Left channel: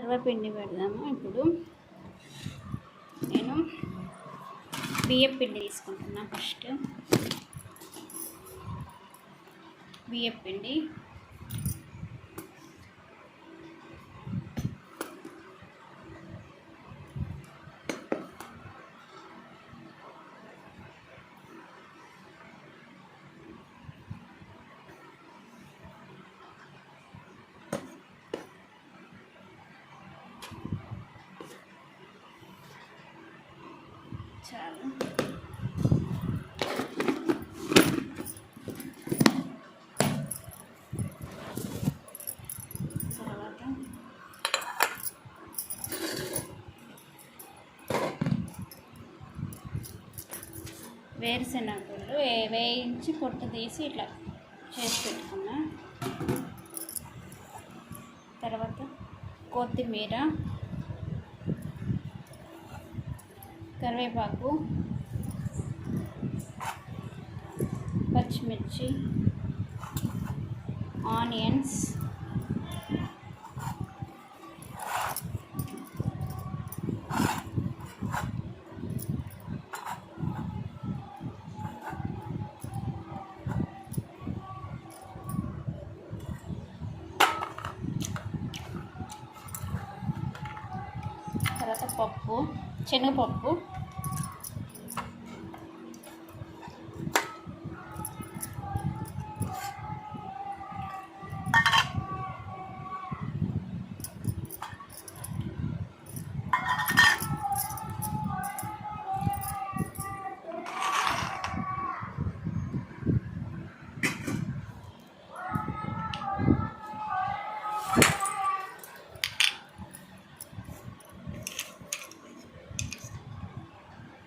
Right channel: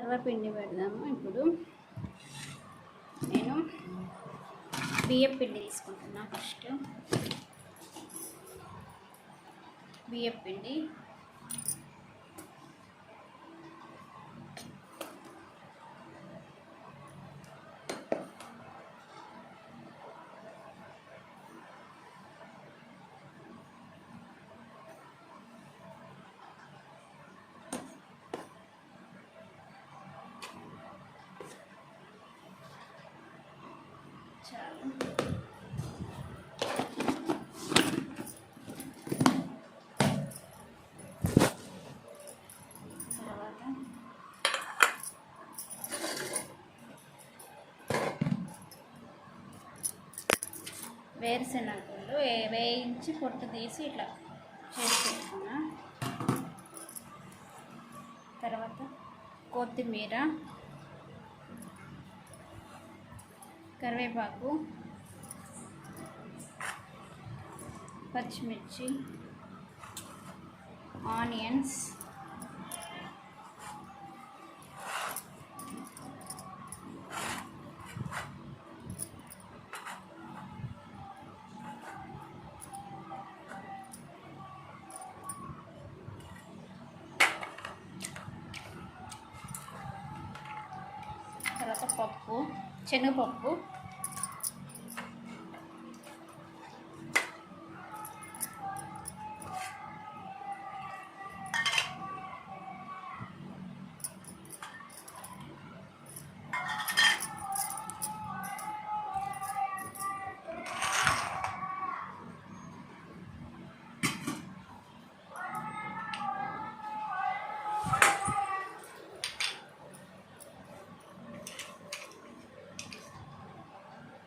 సర్వపిండి పెడదాము. ఇప్పుడు నేను బియ్యం పిండి తీసుకుంటున్నా. ఫస్ట్ బియ్యం పిండి, చాలు. తర్వాత వేరుశెనగలు వేయించి పొట్టు తీసి ఇట్లా చేసి పెట్టుకున్నా. తర్వాత కొత్తిమీర, కరివేపాకు, పచ్చిమిర్చి, ఆనియన్స్, తర్వాత పప్పు, శనగపప్పు,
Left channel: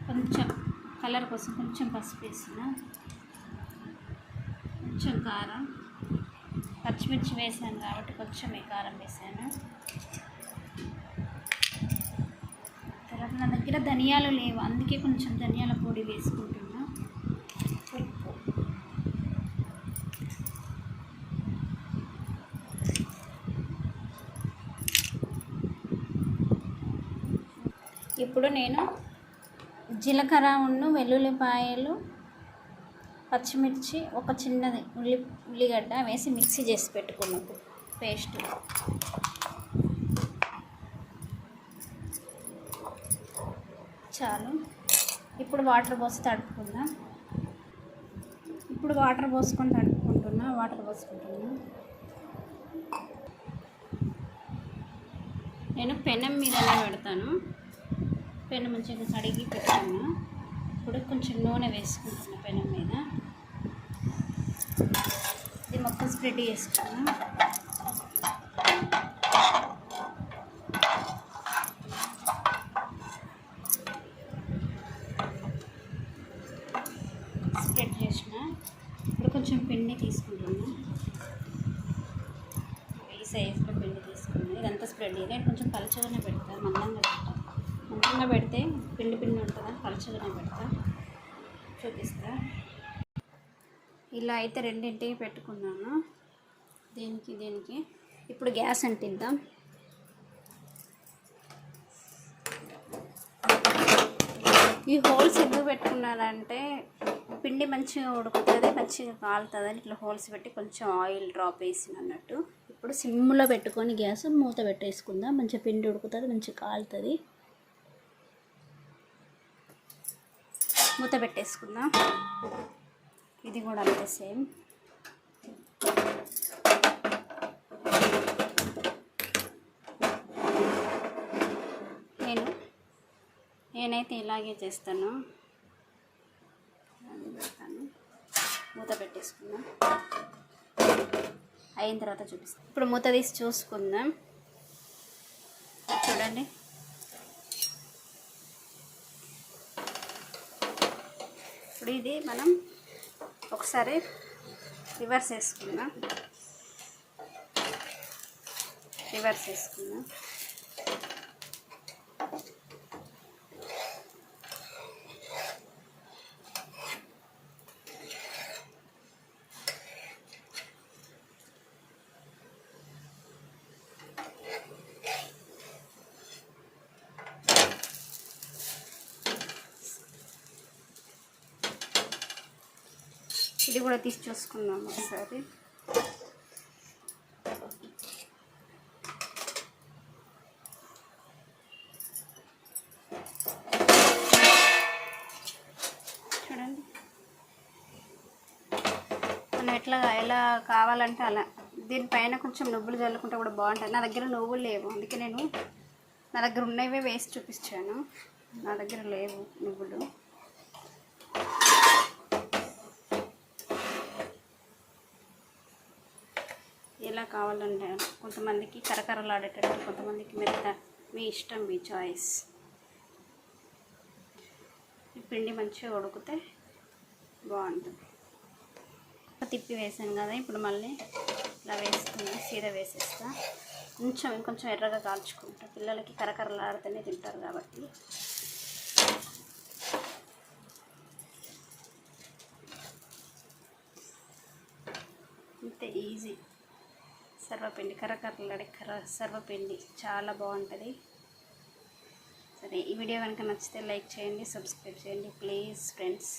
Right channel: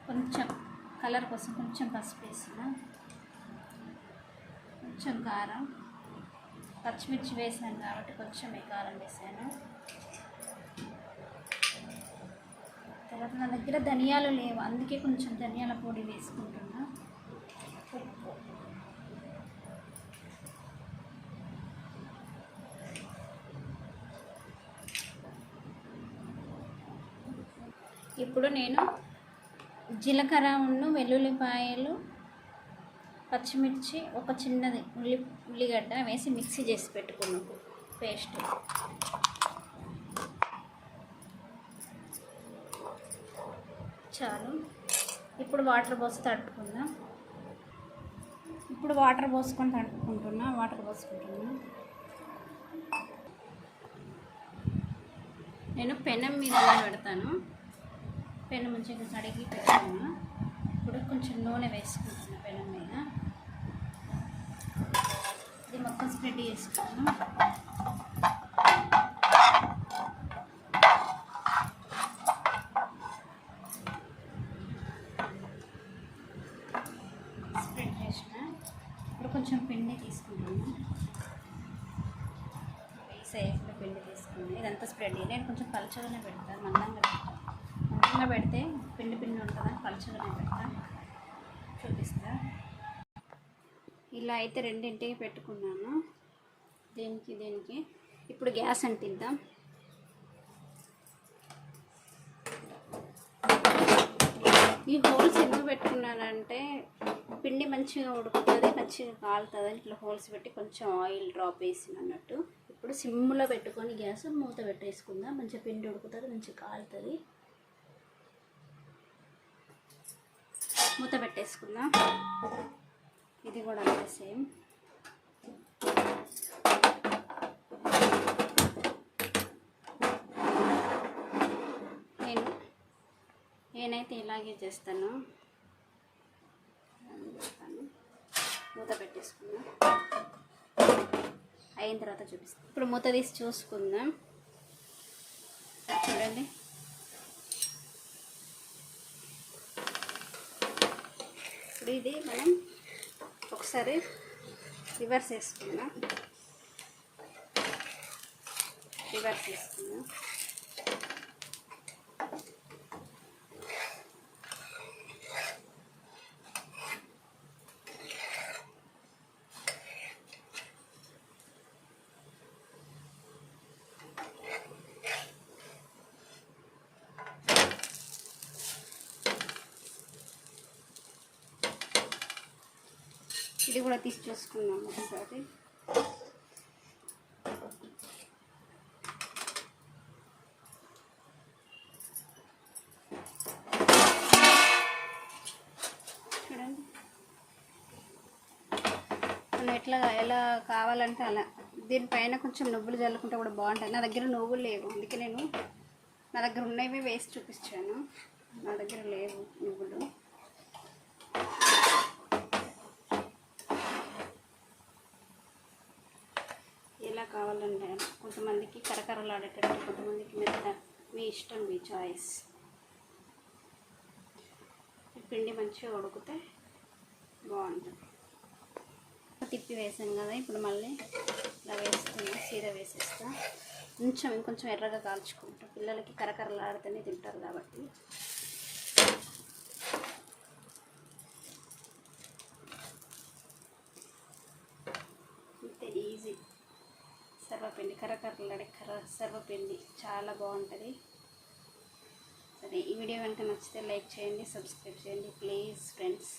కొంచెం కలర్ కోసం కొంచెం పసుపు వేసిన, కొంచెం కారం, పచ్చిమిర్చి వేసాను కాబట్టి కొంచెం కారం వేసాను. తర్వాత నా దగ్గర ధనియాలు లేవు, అందుకే కొంచెం ధనియాల పొడి వేసుకుంటున్నా. ఉప్పు, ఇప్పుడు నేను జీలకర్ర, వెల్లుల్లిపాయలు, పచ్చిమిర్చి, ఒక చిన్నది ఉల్లిగడ్డ వేసి మిక్సీ చేసి పెట్టుకున్నాం పేస్ట్. చాలు. ఇప్పుడు వాటర్ పోసి తడుపుకుందాం. ఇప్పుడు వాటర్ పోసుకొని తడుపుకుంటున్నా. నేను పెనం మీదనే పెడతాను. పెనం మంచిగా కడిగి పెట్టుకున్నా. ఇప్పుడు కొంచెం నూనె వేసుకుంటున్నా పెనం మీద. ఇది మొత్తం స్ప్రెడ్ చేసుకున్నా. స్ప్రెడ్ చేసిన. ఇప్పుడు కొంచెం పిండి తీసుకుంటున్నా. ఈ సైజులో పిండి తీసుకున్నా. ఇదంతా స్ప్రెడ్ చేయాలి. నేను కొంచెం పలుచగానే పెడతాను, మందంగా పెడితే పిండి ఉంటుందని పలుచగానే పెడతా. చూపిస్తా. ఇలా అయితే రెండింటికి పెట్టుకున్నాను, దీనికి. ఇప్పుడు గ్యాస్ అంటిద్దాం. ఈ హోల్స్ ఎందుకు పెట్టుకున్నానంటే పిండి మంచిగా ఉడుకుతుంది, మంచిగా కాలుతుంది. ఇట్లా హోల్స్ పెట్టి కొంచెం ఆయిల్ డ్రాప్ వేసిన అన్నట్టు. ఇప్పుడు సిమ్లో పెట్టుకొని గ్యాస్ మూత పెట్టేసుకుందాం. మంచిగా పిండి ఉడుకుతుంది, మంచిగా కాలుతుంది. మూత పెట్టేసుకుందాం. ఇది కూడా అంతే సేమ్. నేనైతే ఇలాగే చేస్తాను. మూత పెట్టేసుకుందాం. అయిన తర్వాత చూపిస్తాను. ఇప్పుడు మూత తీసి చూసుకుందాం. చూడండి, ఇప్పుడు ఇది మనం ఒకసారి రివర్స్ వేసుకుందాం. ఇది కూడా తీసి చూసుకుందాం ఒకసారి. చూడండి మనం ఎలా కావాలంటే అలా. దీనిపైన కొంచెం నువ్వులు చల్లుకుంటే కూడా బాగుంటుంది. నా దగ్గర నువ్వులు లేవు, అందుకే నా దగ్గర ఉన్నవే వేసి చూపించాను. నా దగ్గర లేవు నువ్వులు. ఎలా కావాలంటే కొంతమందికి కరకరలాడేటట్టు, కొంతమందికి మెత్త, మీ ఇష్టం, మీ చాయిస్. ఈ పిండి మంచిగా ఉడికితే బాగుంటుంది. తిప్పి వేసాను కదా, ఇప్పుడు మళ్ళీ ఇలా వేసుకుని సీదా వేసేస్తా. ఇంకొంచెం ఎర్రగా కాల్చుకుంటా, పిల్లలకి కరకరలాడితేనే తింటారు కాబట్టి. ఇంతే, ఈజీ. సర్వపిండి, కరకరలాడే సర్వపిండి చాలా బాగుంటుంది. సరే, ఈ వీడియో కనుక నచ్చితే లైక్ చేయండి, సబ్స్క్రైబ్ చేయండి ప్లీజ్ ఫ్రెండ్స్.